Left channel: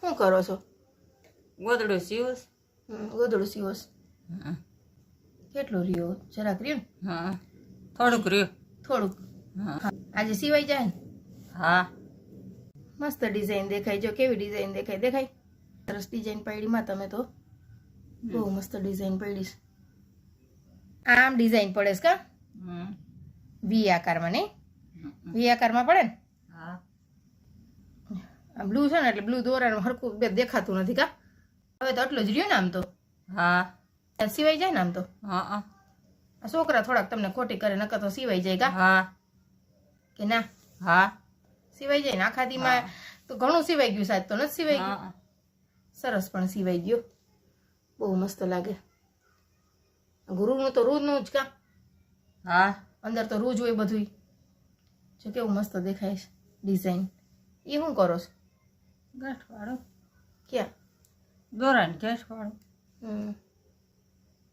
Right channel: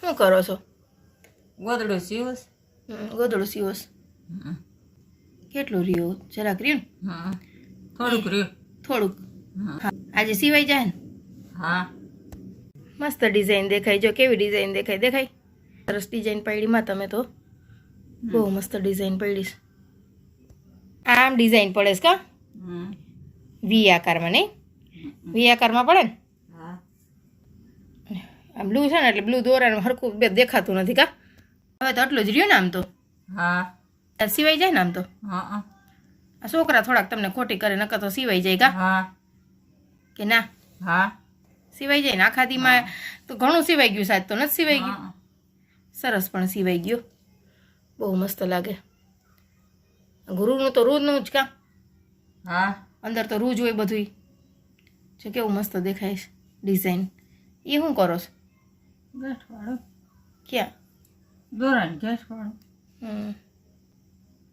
શું કરો છો? ગોદડું સીવસ ગોદડું સીવસ કેટલું રહ્યું? જરાક રહ્યું? થોડુંક રહ્યું. થોડુંક. આજે સિવાય જાય ને? હા. મસ્ત ડિઝાઇન દેખાય. જો કેવી ડિઝાઇન દેખાય? દેખાય? સરસ ડિઝાઇન પાડીમાં તમે તો. બહુ મસ્ત ડિઝાઇન પાડીશ આમ ડિઝાઇન પડે છે કા? વી આકારમાં નહીં? વી આકારમાં પડે ને? આ બ્લુ છે ને એટલે બ્લુ દોરાનું હરખું બે દેખાતું નથી કા? હવે તો આટલું જ રહ્યો ને આમ તો. હા. સિવાય જાય ને આમ તો. હા આ છોકરા થોડાક તમને ખોટી કરે નકર તો સિવાય જાય કા? હા. કે ના? હા. સિવાય જાય ને આખા દીમાં તો ઘણું સિવાય ગયું સાહેબ તો નથી સિવાય ગયું? સરસ પણ સિવાય ગયો. બહુ મસ્ત લાગે. ગુરુનું તો રૂનું જ કાં? હા. અંદર તો રોજ હોય બધું જો કેવું મસ્ત દેખાય છે ડિઝાઇન એ શું કરો છો? ગાંઠવાળું. ક્યાં? દોરાને ગાંઠવાળો. હમ.